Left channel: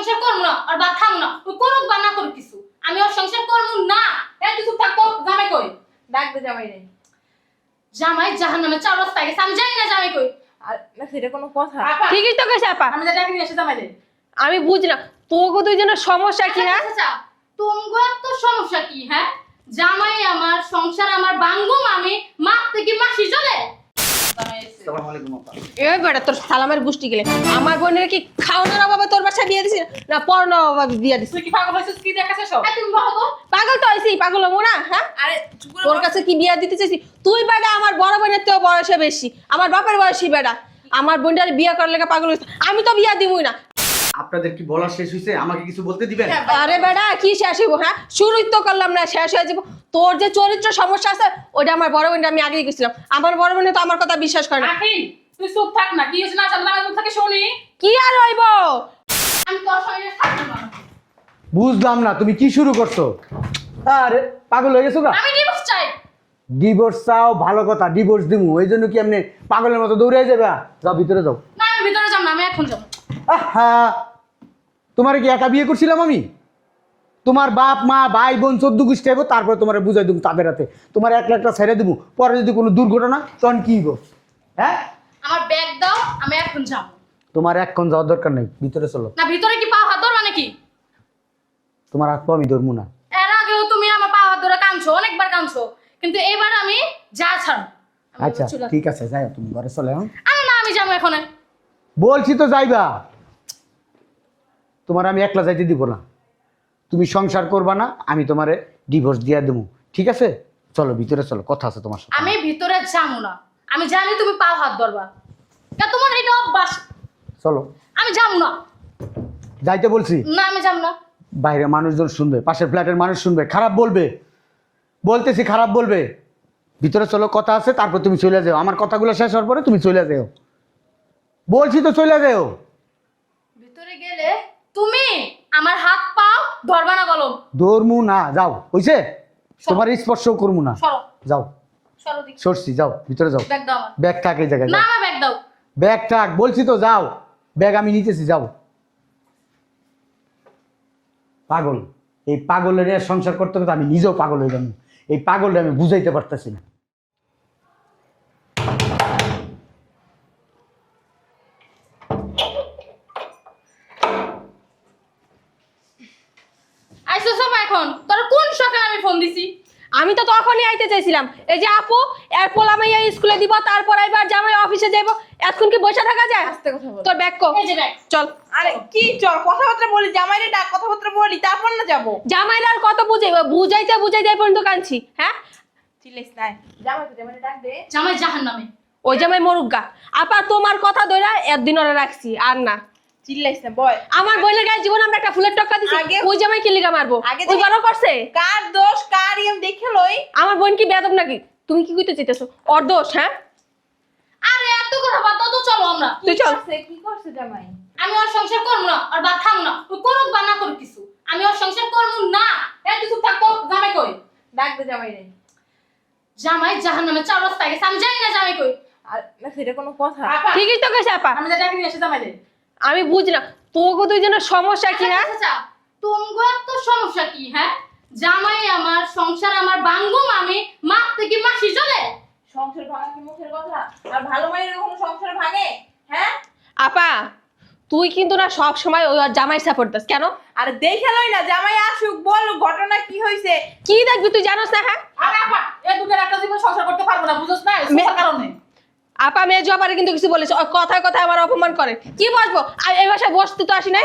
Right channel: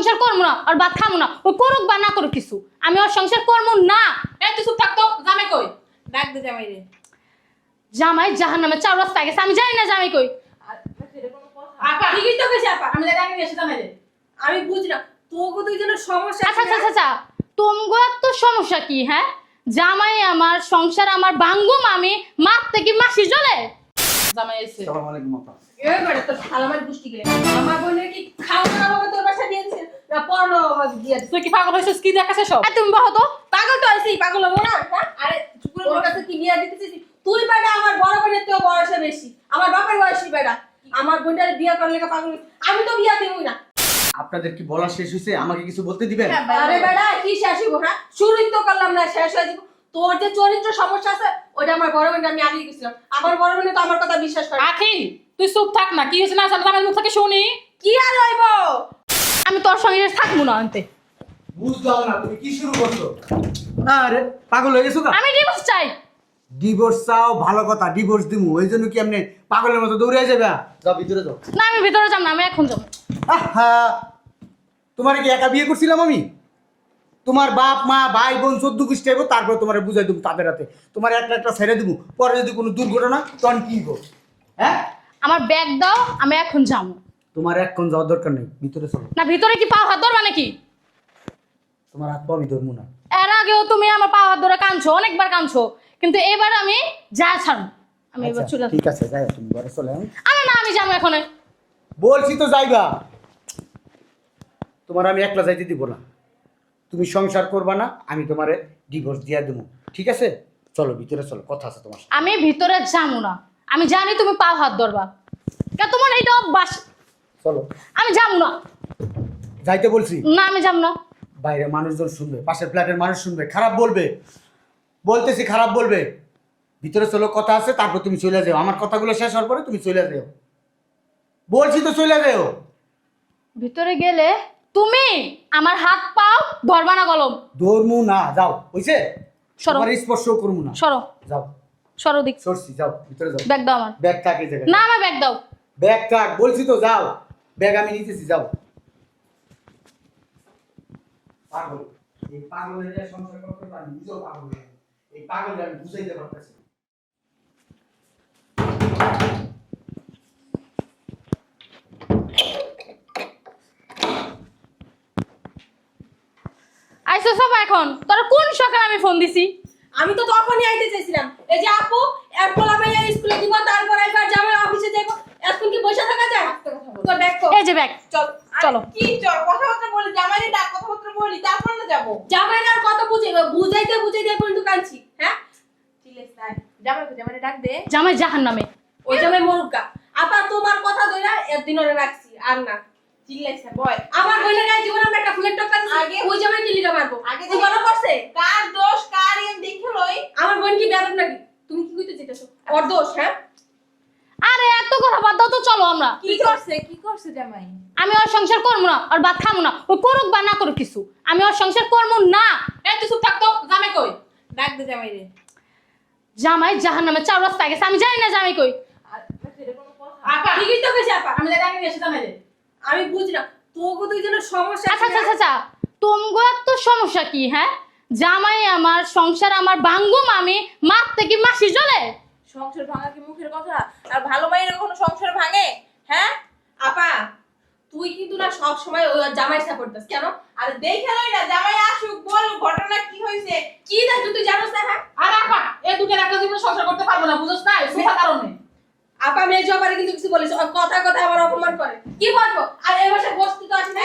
সংসার করব না আর ভাত খাব না ওই করুক বা না করুক কিছু। আমি ওর সংসার করব না। এই তুই চুপ থাকতো জামাই কই? ডাক দে জামাই রে। জামাই জাহান নামে চার রাস্তা গেছে আমি জানি না জামাই কই। আর না সেটা কোনো কথা। ঠিকই তো গেছে আপা। আমি ডাকি এসে জামাই রে। আমি বুঝলাম। তোকে দুইজনের সমস্যা আচ্ছা কি না আচ্ছা আচ্ছা। তোমগো তো সমস্যা কি হ্যাঁ? জামাই আমার সংসার আমার বাঙ্গুম আমি মাপ থেকে মাসি চলে জামাই আলাইকুম আপা। এই বেটা তোর সালামের গোষ্ঠী গেলে। আমার বোনের কি খাওয়ানোর অভাবে তোর বাসায় বিয়ে দিছি? না পড়ানোর অভাবে দিয়ে দিছি? তুই কি পাগল হয়েছিস? কি দেখাছে সব? তুমি বহো তো পাগল তো আইসি পাগল হব না হ্যাঁ? আরে তোর কাছে কি বিয়ে দিতে চাইছি? তুই বেটা আমার বড় বোনের তো বয়সে বেশি। আমার বাপের বয়সী বেটা। আমার বোনটার বিয়ে করার লেগে পাগল আমি তো বিয়ে দিবই না। আপনাদের কি বলা শেষ হয়েছে? আমাকে কিছু বলতে দিবেন? হ্যাঁ, আরে বেটা কি শেষ হইব হ্যাঁ? শুরুই তো করলাম না শেষ হয়ে যাব। তোর যে চরিত্র সমস্যা আছে ওটা আমার বড় বোনটা আমি আগেই গেছিলাম। আমার বড় বোনে তো আমার কথা বিশ্বাস করে না। আখি তুই চুপ থাক না কি হয়েছে না জামাই মুখ থেকে শুনি। কি আর হইব? আমি তোর সঙ্গে থাকব না আনতে। বুঝলাম না তুমি কি শুরু করছ? আরে পাগল হয়ে গেছো গা। আমি ডিভোর্স চাই। ডিভোর্স চাও ভালো কথা ডিভোর্স দিমু। ওই জন্য কি এমনি পাগলের মতো দৌড়ে যাবে যাও ভিতরে যাও। না আমি ভিতরে যাব না আমি এখন যাব। আহা! তোমার কি একা বিয়ে করছিলাম আমি? তোমার বাপ মা ভাই বোন চোদ্দ গোষ্ঠী আগে তারপর তোমার বুঝাই দেবো তাদের হাতে। তোমার এক লাখটা ছেড়ে দেবো পরে যদি কোনো দুর্ঘটনা তখন কি গো? হ্যাঁ? আমার ব্যাগ দাও আমি এখন যাব। তোমার এখন যাওয়ার দরকার নেই ভিতরে চলো। না ভিতরে কি পাও হাত ধর মানে কি তোমার হাত পা আমি ধরবো না। এর আগেও তুমি আমার পাও হাত ধরে কাঁদছো অনেকবার কাঁদছো। কিন্তু এবার আমি যা ছাড়ো আচ্ছা। ঠিক আছে যাই তুমি ঘরে চলে আরে না আমি যাব এখন। বলছি তো যাইবা। তোমার আমি একলা যাইতে দিব না। তুমি সংসার করবা না আমি তোমারে ডিভোর্স দিয়ে দেবো ঠিক আছে? চলো ভিতরে চলো কথা আছে তোমার সাথে। আমি ভিতরে যাব না। আমি জানি তুমি পাও হাত ধরবা। কে তোমার এইটা অভ্যাস? চলো। আমি যাব না। যাইতে বলছি? না আমি যাব না। বাইরে মানুষজন শুনবে পাশের ফ্ল্যাটের মানুষ শুনবে খারাপ বলবে। বলতেছি খারাপ বলবে। ভিতরে চলো কথা আছে তারপর তুমি চলে যাও। আমার কথাগুলো শেষ হওয়ার পরে তুমি চলে যাও। বলছি তো চলে যাও। ভিতরে গেলে তুমি আমার হাত পাও ধরবা না কলম। ধর্মু না যাও। হইছে সরো। তোমার স্পর্শও করব না। সরো। যাও। সরো দিক সরছি যাও ভিতরে যাও। ব্যাগ দাও আমার। ব্যাগ থাক জায়গায় না যাও। আমার ব্যাগ দাও। ব্যাগ থাক বলছি তো যাও। ব্যাগ আমি নিতেছি যাও। পাগল। এই পাগলের সংসার করতে করতে আমি নিজেও পাগল হয়ে যাব এই পাগলটা আমি বুঝাইতে পারতেছি না আইসা সব এখন তোরা কোন সকালে আমি ফোন দিছি। আমি তো তখনই আইতে চাইছিলাম। এই যে আপু এর পোলা মাইয়া স্কুলে দিব তারপর আইবার জামাই অফিসে যাইব এখন কি বসে থাকা যায়? আস্তে কথা বল। তোর ব্যাগ কো। এই যে ব্যাগ চল চলো। কি চল কথাবার্তা বলি জামাই রে ডাক কথাবার্তা বলি তারপর না যাব? জামাইরা আর কত বুঝে বুঝাইতে বুঝাইতে এই পর্যন্ত কাঁদছি হ্যাঁ? চিল্লাইস না জামাই কো জামাই রে ডাক দে। জামাই জাহান নামে ওই জামাই মরুগা আপা তোমার কথা ধরে একদিন ওরা রাখছি আর না। চিল্লাইস না বল আমার বোনের গায়ে জীবন আমরা একটা ফুলের ওই জামাই কি লিগা মারবো? ওই করছে কার দোষ কার ইম দেখে লই। আমার বোন কি বেয়াদব নাকি? তুমি কি কইতে চাইতেছো? ওর দোষ হ্যাঁ? আরে এত কথা বাদ দাও তো চলো আমরা। কি তুই করছে কি করছে জামাই? আমি ওর সংসার করব না আর খাব না। ওই করুক বা না করুক কিছু। আমি ওর সংসার করব না। এই তুই চুপ থাকতো জামাই কই? ডাক দে জামাই রে। জামাই জাহান নামে চার রাস্তা গেছে আমি জানি না জামাই কই। আর সেটা কোনো কথা। ঠিকই তো গেছে আপা। আমি ডাকি এসে জামাই রে। আমি বুঝলাম তোকে দুইজনের সমস্যা আচ্ছা কি আচ্ছা আচ্ছা। তোমগো তো সমস্যা কি হ্যাঁ? জামাই আমার সংসার আমার বাঙ্গুম আমি মাপ থেকে মাসি চলে সংসার ভাঙা কি মুখের কথা? আর ভালো মায়ের কখনো সংসার ভাঙে? হ্যাঁ? আপা তুই কিন্তু না সব সময় ওই জামাই সাপোর্ট দিস কেন? আর দেখে লই না জামাই আসুক বল ঘটনা কি হইছে? কি দেখবি তুই জানোস না হ্যাঁ? আরে আপা এই দুটো একটা জীবন সংসার করতে পারব না বুঝছ না এই কারণে। আপা মেয়ে জবারে কিন্তু কিছু বলেছে ওর কথায় কথায় আমার অপমান করে। কি বলব? আর এ বাসায় বসতে তো আসি না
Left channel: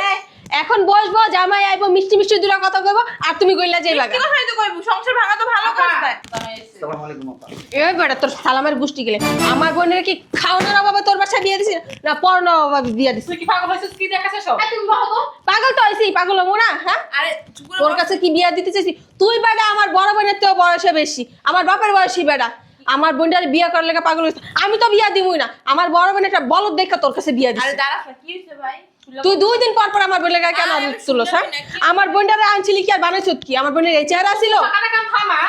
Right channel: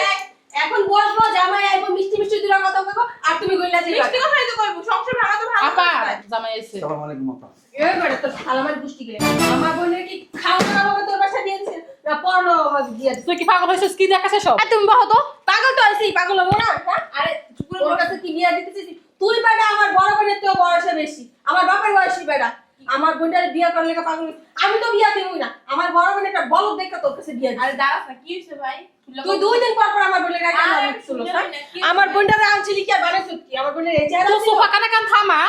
এখন বসবো জামাই আইবো মিষ্টি মিষ্টি দুটা কথা কইবো আর তুমি কইলা যে মিষ্টি কথাই তো কইবো সংসার ভাঙা তো ভালো আপা কথা। জামাই এসে সালাম আলাইকুম আপা। এই বেটা তোর সালামের গোষ্ঠী গেলে। আমার বোনের কি খাওয়ানোর অভাবে তোর বাসায় বিয়ে দিছি না পড়ানোর অভাবে দিয়ে দিছি? তুই কি পাগল হয়েছিস? কি দেখাছে সব? এই তুমি বহো তো পাগল তো আইসি পাগল হব না হ্যাঁ? আরে তোর কাছে কি বিয়া দিতে চাইছি? তুই বেটা আমার বড় বোনের তো বয়সে বেশি। আমার বাপের বয়সী বেটা। আমার বোনটার বিয়ে করার লেগে পাগল হয়েছে। আমি তো বিয়া দিবই না। আমার বড় বোনের একটা বলদ দেখা তোর কাছে বিয়ে আরে দিছি দাঁড়াস না কি হইছে ভাই? তুই দুই দিন পর পর আমার বোনের গায়ে কেন শুনলাম কি আমার? বোনটারে আনছিলি কি আর বানাইছ কি আমার বোনের এই চেহারা ছিল। কানা কান থামা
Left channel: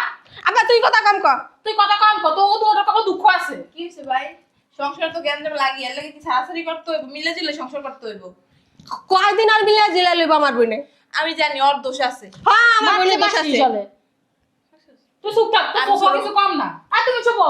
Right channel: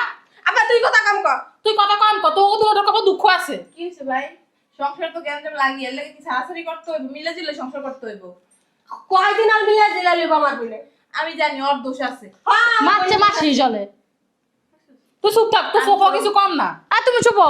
আবার তুই কথা কম কর। তুই কত কম কত ও তো কত দুঃখ আছে? কি হইছে ভাই? সংসার তো কেন লাগিয়ে লাগে কি ছাড়াছাড়ি করতে হইব? মিলে জিলে সংসার করতে হইব? কয়দিন আর মিলে জিলা লইব আমার বোনে? আমি জানি ওর দোষ আছে। হ্যাঁ আমার মারতে বোনে মারছি জলে? তুই চুপ থাক তুই কিছু কম না। আর তুমি চুপ।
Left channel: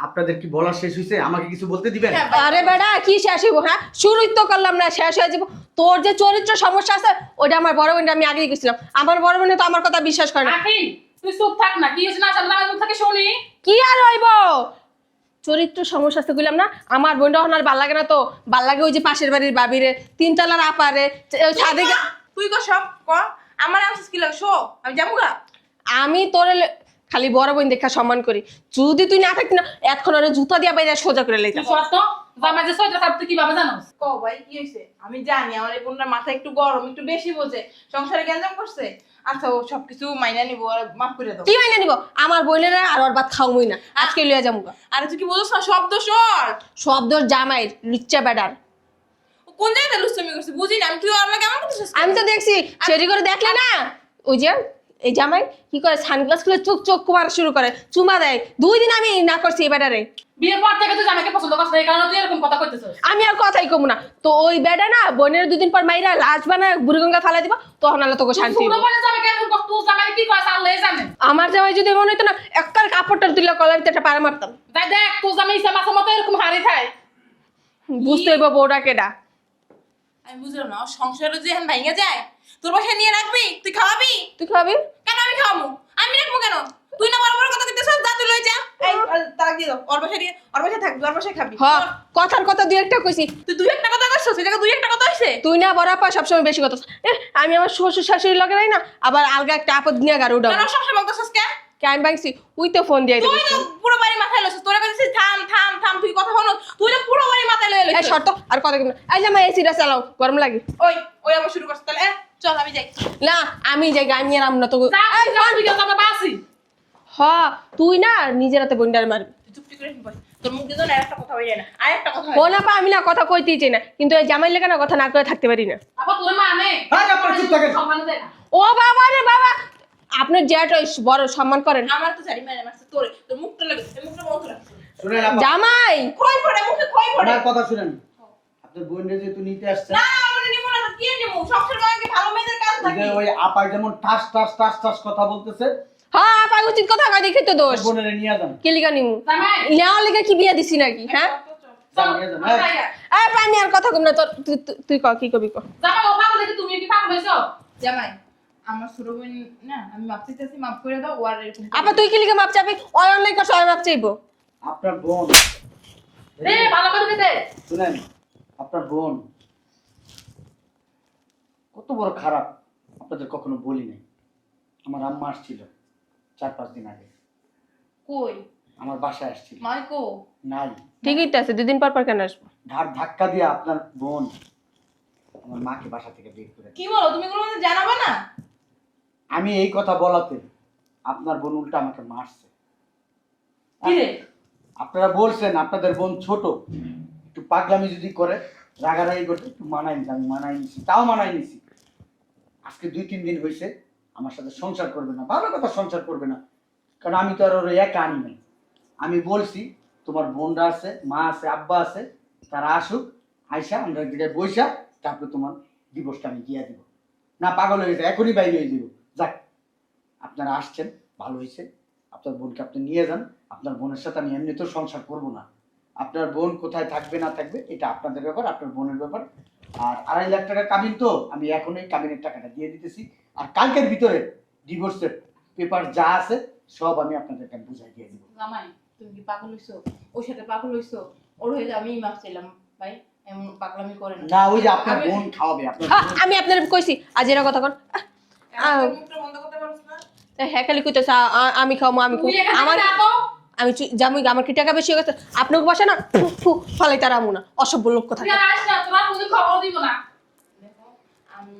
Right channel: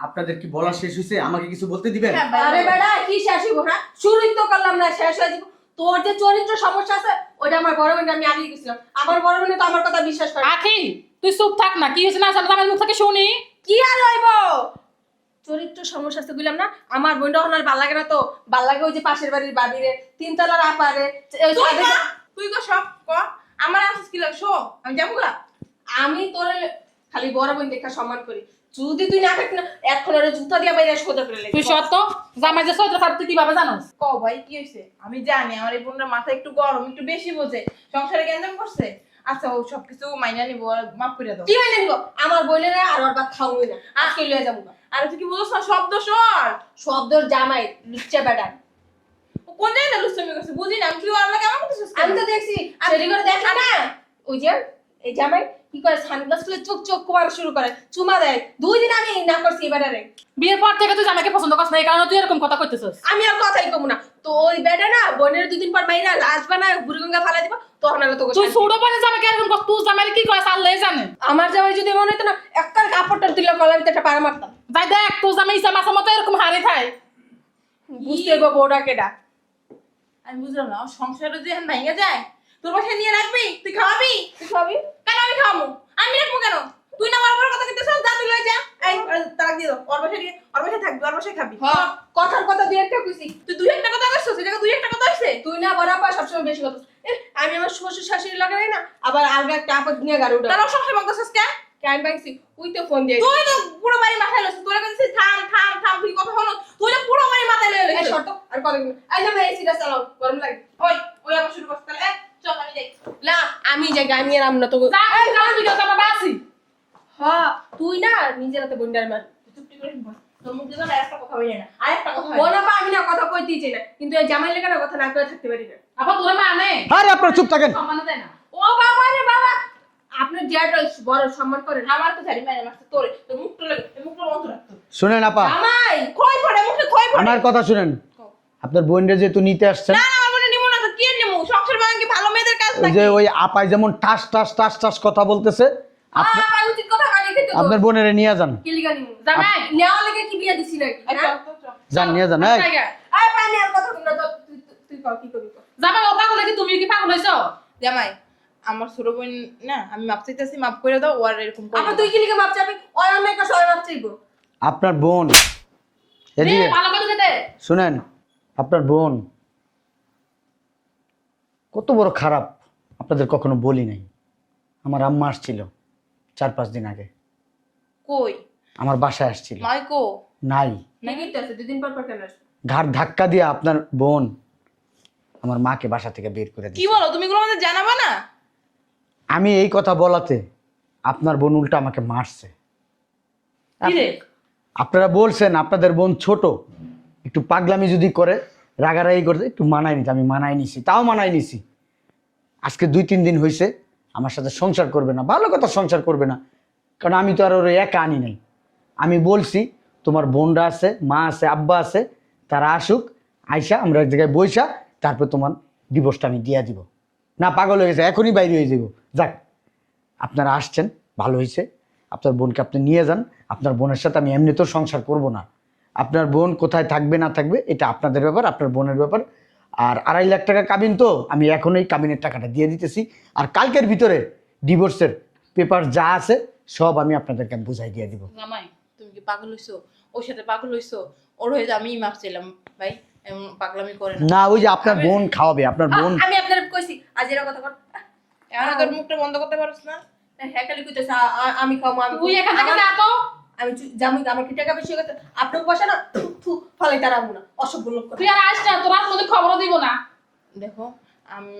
আপনাদের কি বলা শেষ হয়েছে আমাকে কিছু বলতে দিবেন? হ্যাঁ, আরে বেটা কি শেষ হইব হ্যাঁ? শুরুই তো করলাম না শেষ হয়ে যাব। তোর যে চরিত্র সমস্যা আছে ওটা আমার বড় বোনটা আমি আগেই গেছিলাম। আমার বড় বোনে তো আমার কথা বিশ্বাস করে না। আখি তুই চুপ থাক না কি হয়েছে না জানো আমার মুখ থেকে শুনি। কি আর হইব? চরিত্র সমস্যা আছে কইলাম না আমার বোনটা এখন আর ভালো লাগে না তো। ভালো লাগে ওই যে পাশের বাড়ির বাবিরে তিন তলার আপারে তুই কর সব ক? আমার আনছিস কি লাগে? শো আমি যাব গা। আমি তোর খালি বড় বোন দেখা সম্মান করি। যদি তুই না থাকতি না এখন আর জুতা দিয়া বাইরে সোজা করে লেগে তুই সত্য? জামাই যে সইতে থাকতে কীভাবে জানোস ক ভাই কি হয়েছে আমি জানি আমার এই বোনটার মাথা একটু গরম একটু বেশি বোঝে। সংসারে গ্যাঞ্জাম করছে? আচ্ছা ও সবকিছু মাইনা নিবো আর মাফ করে দাও। কি মানে নিব? আমার বোনের আর ওর ভাত খাওয়াই না। আজকে লিয়ে যাব গা। আর তুই কি বলছ না শব্দ সর শব্দ জামাই লুচ্চা বেডার। ও কোন জায়গায় লুস্তমি করছে? বুঝি না আমি তুই ওর কেমন করছিস আমি তো দেখছি সেটি করে দেখলে না? ওই যে এই জামাই কি করে সানগ্লাস খুলে চোখ চোখ মারা শুরু করে। চুমা দেয়। দুই দিন আমি না করছি এই বেডারে বিয়ের পর থেকে তুই জামাইকে পছন্দ করছ না এই কারণে তুই এরকম কথা কইতেছিস। আমি আর কথাই কমু না। তো ওই বেডা না বোনের দুদিন পর মাইরা লাশ বানা বুড়িগঙ্গা ফালাই দিব তখন আর তোকে শান্তি ছোট। বোনের জামাইকে এরকম কর তুই জামাই কি করে আল্লাহ জানে। আমার জামাই যদি মনে হতো না একটার কাপড়টা তুলে কলারিতে একটা পাড়া মারতাম। যাই দেখ তুই জামাই ইসা মাসের মতো এরকম হারি খায়। বুঝতে হইব বউটা কেডা। আমি বুঝলাম না সংসারে যে এখন ভাঙে যায় তোর বাসায় নিয়ে রাখবি তুই খাওয়াবি? তুই খাবি? কেন আমি খাওয়াবো আমি রাখব কেন? তুই না বড় বড় কথা সব দাঁত যা এই তারা দিয়ে দাও। ওর বাসায় দিয়ে ওর বাসায় থাকবি ওর বাসায় খাবি। হ কথার কথা দুই একটা কইছি। তুই দুই একটা কথা সেটাকে দুই একটা কথা হয়েছে তুই না বড় আপা সবসময় বেশি কথা আমি আমার শ্বশুর শাশুড়ি না আবার আলগা একটা আপদ নিয়ে গাড়ি বলতেছিস কে? কেন বাইছি উই তো ফোন দিয়ে তুই তো পুরো বাড়ি মাথায় লইছিস। তোর কাছে থাম থাম থাম তুই কথা হলো তুই তো পুরো বাড়ি মাথায় লয়ে এই শর্ত আর কথা কেমন এই জামাই এসিটা চালাও গরম লাগে। ওই ওই আবার শুরু করছিস তাহলে চল আমি যাই। না আমি যাই আমি আর আমরা তো যা যা, তুই যা, আমরা বাসি। হ তুই না নিজের হাতে বন্ডার মারবি চুপটি করে তোর মুখ দিয়ে তো একটা কথা না। আর একটা কথা বোন আপা আমি না কথা কইতেই চাই না। কিন্তু এই জামাই লেগে না কথা না করে থাকতে পারি না। আপা তোর আরে আপনার চুপ থাকেন। সম্মান দেয় না। ও বাবা রে বাবা! আপনার জেঠ বড় সম্মান করেন। আমার তো জানি মানে মারছে তোর। তোর মুখটা লাগে মুখটা বন্ধ রাখ। শুনেন আপা। জামাই! খই পড়ে মুখে খই পড়ে? আমার কথা শুনেন। আপনার বোনটা যেহেতু নিতে আসছেন না তো কি নিমো সংসার ভাঙে ভালো মেয়েদের কাজ ওই যে ওই আপাই যেমন টাস টাস টাস টাস কথা বলতেছে হ্যাঁ আপা উচিত কথা কয় দেখে তো আপনার বোনেরে নিয়ে যান। কেলিকা নিমু? নেওয়া লেগে কি বিয়া দিছি নাকি হ্যাঁ? যান নিয়ে যান এই। পা, আর কথা কম না তোর তুই তুই- তুই ক কি কবি ক জামাই ও পাগল নাকি? তুমি কি পাগল হইছো? জামাই আমার ছোট বোন না আমি মাপ চাইতেছি মাপ করে দাও ও এরকম আপা না। তুই কেলিকা মাপ চাবি ওই অন্যায় কাছে ওই মাপ চাইব। আপনার বোন। এদিকে। ভালো করে দে। শুনেন আপনার বোন কত বড় খারাপ। আপনাদের কখনো বলি নাই। আমার আম্মা আসছিল চার পাঁচ দিন আগে। কই? আমার বাসায় আসছিল। নয় কো? নাই। ঠিকই তো আছে দুদিন পর পর কেন আসব? ঘাট ধাক্কা দিয়ে আপনার বোন আমার মাকে বাসা থেকে বের করে কি দিয়েছে। বলো তুমি এগুলো আমাদের জানাব না? আমি এই কথা বলাতে আপনার বোন উল্টা আমাকে মারছে। কি রে? আপনারা বলছেন আপনাদের বোন ছোট একটু পাগলামি যদি করে রাগারাগি করতে একটু মানায় নিছি আমি মানায় নিছি তাও মানায় নিছি। আজকে দুই, তিন দিন হয়েছে আমার সাথে সংসার করবে না। ভালো কথা, সংসার করবে না। কারণ আমি তো আর ওর একা আনি নাই। আমি বলছি, তোমার বোনরা আছে, মা আছে, আব্বা আছে, তারা আসুক, আইসা, আমরা এক জায়গায় বইসা, তারপর তোমার ডিভোর্সটা আমি দিয়ে দিব। না, পাগল হয়েছে এখনই বাইরে হয়ে যাব যাক, আপনারা আসছেন, ভালো হয়েছে আপনার বোনকে আপনি নিয়ে যান। আপনার বোনের সাথে আমি এমনিতেও সংসার করব না। আপনার বোন কোথায় থাকবে, না থাকবে, এটা আপনাদের ব্যাপার, আপনার বোনের ব্যাপার। আর আড়াই লাখ টাকা কাবিন তো আমি এখনই কাবিনের টাকাটা দিয়ে দিতেছি। আর কালকের ভিতরে ডিভোর্সের পেপার যা আছে সব আমি আপনাদেরকে বুঝাই দিয়ে দিব। জামাই তুমি কি পাগল হইছো? ওর সাথে পাগল হইছো? ওর হয়ে আমি মাপ চাইলাম ভাই এমন পাগলামি করে না। না ওই যে আপনার বোন খাওয়াবে আপনার বোন আমি আপনার কইছি আজ এরা কথা কন আহ, মুখটা বন্ধ করতে পারছ না। হ্যাঁ খালি কইতেছে আমি খাব আমি তুই। এখান আমি জামুই আমার কি টাকা বেশি হয়ে গেছে? আপনাকে বসে না ফু, ফু, ফালাই তার আমু না। অসভ্য লোক কথা। তুই আস না তোর মধ্যে খবর দিব না। দেখো আমি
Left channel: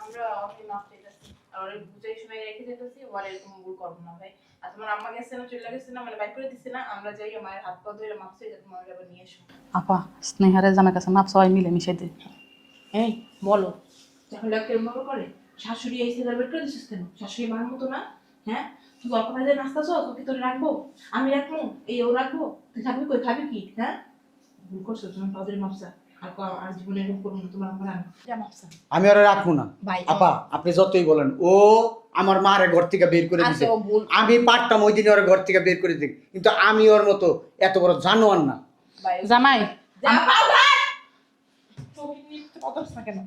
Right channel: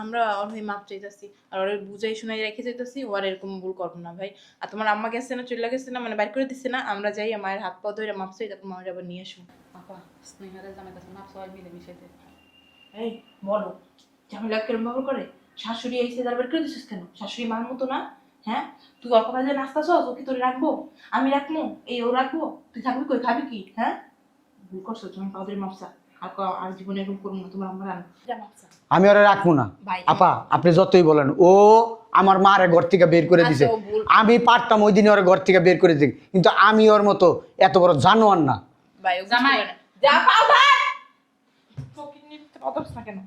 আমরা ওর হয়ে মাপ চাইতেছি আর ওর বুঝাই শুনাই রেখে যাইতেছি ও আর এরকম ভুল করব না ভাই। আর তোমার আম্মা গেছে না চলে গেছে না মানে বাইর করে দিচ্ছে না আমরা যাই মায়ের হাত পা ধরে মাপ চাই তারপর মায়ের আবার নিয়ে আসব। আপা স্নেহারে জামাই কাছে মাপ সবাই মিলে মিশে দে। এই বলো করে শাশুড়ি এসে তার বের করে দিছিস কেন? শাশুড়ি মার মতো না? হ্যাঁ? তুই অল্প কাজে নাস্তা চল ওকে তোর রাখব? আমি রাখব? এই ও রাখব? তুই থাকবি কই? খাবি কি? হ্যাঁ? ভুল করছ তুমি পাউদের মাপসা আর জীবনে এরকম করব না তোমার আমার আনো যা মাপ চা। আমি ওরা রাখব না। আপা আপনি যতই বলেন ও আমার মারে ঘর থেকে বের করে দিছে। আচ্ছা, ও। আমি পারতাম ওই দিনে ওর ঘর থেকে বের করে দিই কিন্তু আমি ওর মতো এত বড় জানোয়ার না। জামাই।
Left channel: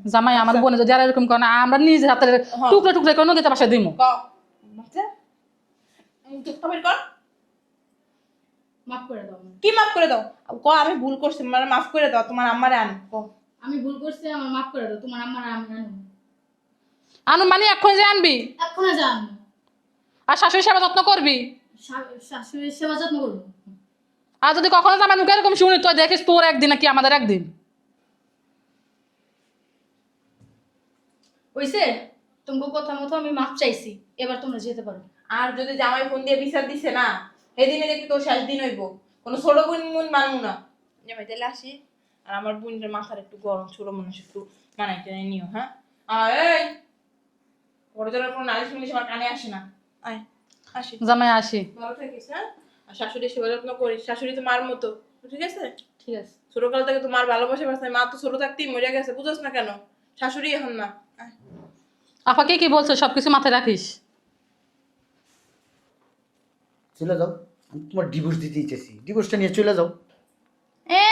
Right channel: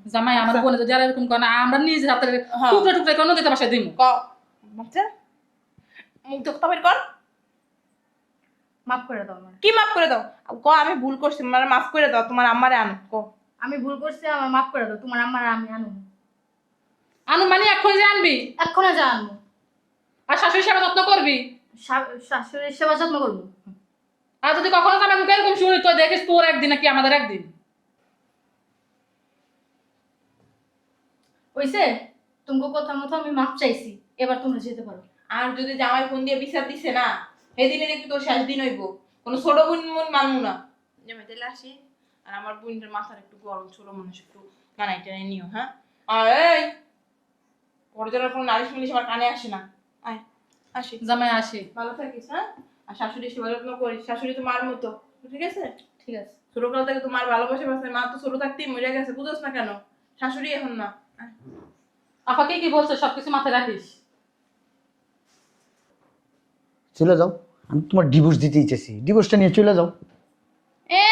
জামাই আমার বোনে যদি আর এরকম করে আমরা নিজে হাতে হ্যাঁ। টুকরা টুকরা করে নদীতে বাসায় দিমু। ক মুখ দেখতে বের কর। মাফ করে দাও আমার কি মাফ করে দাও? ক আমি ভুল করছি মানে মাফ করে দাও তোমার আমারে আন ক। আমি ভুল করছি আমার মাফ করে দাও তোমার আমার আমি আনব আনু মানে এখন যে আনবি? এক্ষণে যা আনব। আর শাশুড়ি সেবা যত্ন করবি? শা- শাশুড়ির সেবা যত্ন করব। আর যদি কখনো জামাই মুখে এরকম শুনি তো দেখিস তোর একদিন নাকি আমাদের একদিন। ওইসে তোমাকে কথা মতো আমি মাপ চাইছি। এবার তোমরা যেতে পারো। আর যদি জামাই ফোন দিয়ে বিচার দিছে না এদিনে দেখি তোর শেষ দিন হইব। কোনো ছোট বোন মুন মানবো না। জামাই তাহলে আসি। আর আমার বোনের মাথার একটু গরম ছোট মানুষ একটু মানাই টেনে নিও হ্যাঁ? আর এই! পরে যেন কোনো নালিশ মিলিশ আমার কানে আসে না। আয় আসি। জামাই আসি। ভালো থাকিস হ্যাঁ? আর শাশুড়ি সেবা যত্ন করিস শাশুড়ি তো মার মতো ঠিক আছে? ঠিক আছে। ছোটকাল থেকে তো মার ভালোবাসে বাসে মা তো ছোট থাকতেই মরে গেছে বুঝোস না কেন? শাশুড়ি এখন না। আপাকে কি বলছো সবকিছু মাথায় রাখিস? চলে যাও। আমি তোমার ডিভোর্স দিতে ইচ্ছেছি। ডিভোর্সটা নিয়ে চলে যাও। এ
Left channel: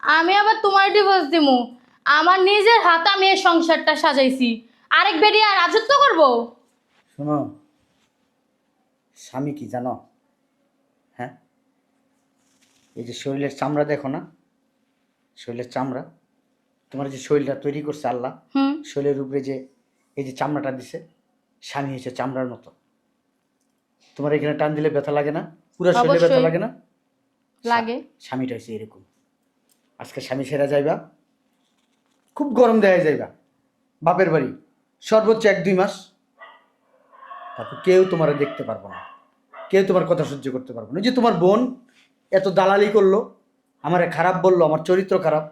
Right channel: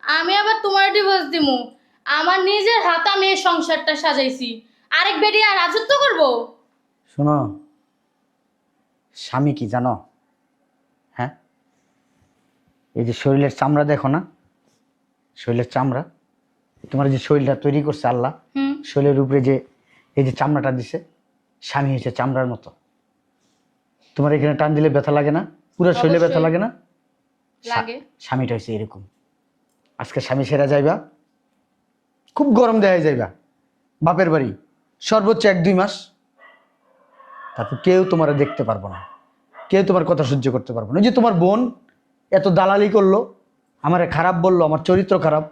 আমি আবার তোমার ডিভোর্স দিমু। আমার নিজের হাতে আমি এই সংসারটা সাজাইছি। আরেক বেটি আর রাজত্ব করব? শোনো স্বামী কি জানো? হ্যাঁ? এই যে শরীরের চামড়া দেখো না? শরীরের চামড়া? তোমার যে শরীরটা তৈরি করছে আল্লাহ শরীরের উপরে যে এই যে চামড়াটা দিছে স্বামী হয়েছে চামড়ার মতো। তোমার এখানে টান দিলে ব্যথা লাগে না? পুরো শরীরে ব্যথা লাগে না? লাগে। স্বামীটা হয়েছে এরকম। আজকে স্বামী সেরা যাইবা। খুব গরম দেয়া যাইবা। বাপের বাড়ি। সর্বোচ্চ এক দুই মাস। তারপর কেউ তোমার দেখতে পারব না। কেউ তোমার কথা সহ্য করতে পারব না। যে তোমার বোন এত দালালি করল আমার খারাপ বলল আমার চরিত্র খারাপ।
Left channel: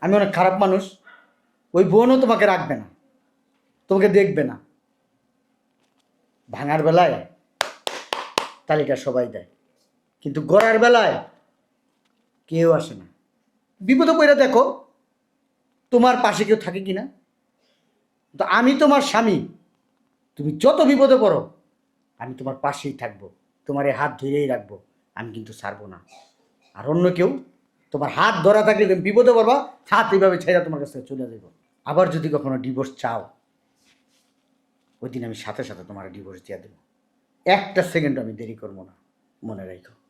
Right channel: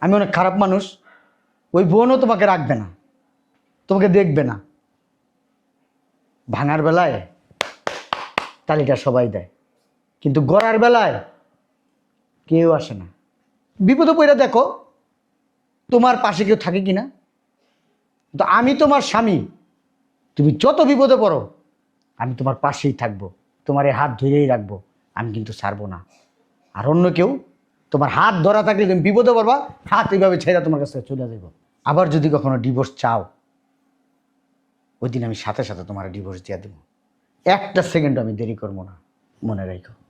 আমি অনেক খারাপ মানুষ। ওই বোনও তোমাকে রাখবে না। তোমাকে দেখবে না। ভাঙার বেলায় তালিকা সবাই দেয়। কিন্তু গোড়ার বেলায় কেউ আসে না। বিপদে পড়ে দেখো, তোমার পাশে কেউ থাকে কিনা? তো আমি তোমার স্বামী, তুমি যত বিপদে পড়ো, আমি তোমার পাশেই থাকব। তোমার এই হাত ধরেই রাখব। আমি কিন্তু ছাড়বো না। আর অন্য কেউ, তোমার হাত ধরা থাকলে তুমি বিপদে পড়বা, হাত এইভাবে ছেড়ে তোমার কাছে চলে যাব আবার যদি কখনো ডিভোর্স চাও ওই দিন আমি সাথে সাথে তোমার ডিভোর্স দিয়ে দেবো। একটা সেকেন্ড আমি দেরি করব না, মনে রাখো